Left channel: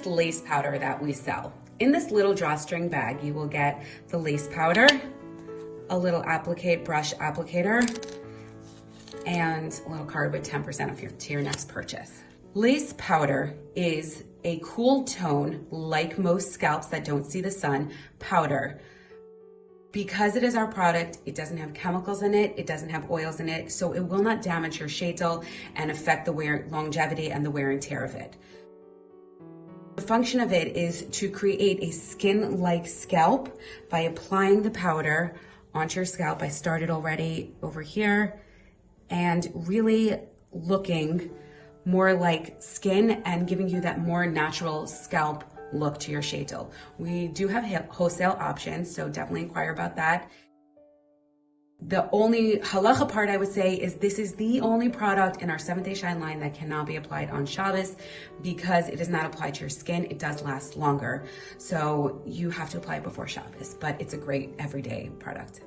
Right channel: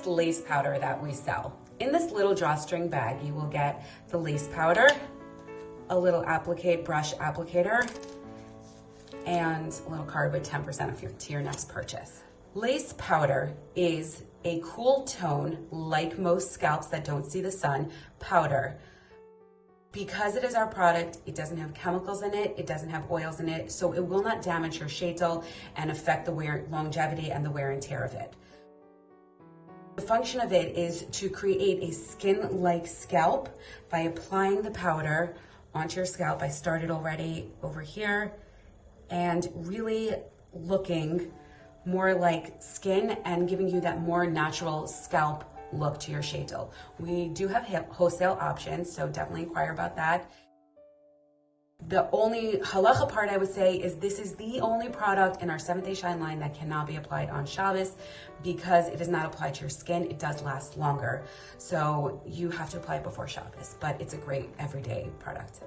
is lace powder that we sell. In this little drawstring bag, you will get the lace powder, a little brush applicator, and a little card with 10% off to your next purchase. Lace powder is a cool tone, like most scalps that don't see the sun, powder. Because it is our product, it doesn't have chemicals in it, it doesn't have oils in it, so it will not damage your shadel and affect the longevity and the wear and tear of it. The function of it is to create a skin-like scalp by applying the powder onto your scalp. I started already over here, and really looking more like skin and giving you that more natural scalp look to your shadel. We do have wholesale options, so definitely inquire about that. The only halacha part I would say is this is the only product in our 7-Day Shine line that cannot be applied on Shabbos because it is not applied to your skin. It does last longer, so you have to apply it before Shabbos, but it's a great everyday product.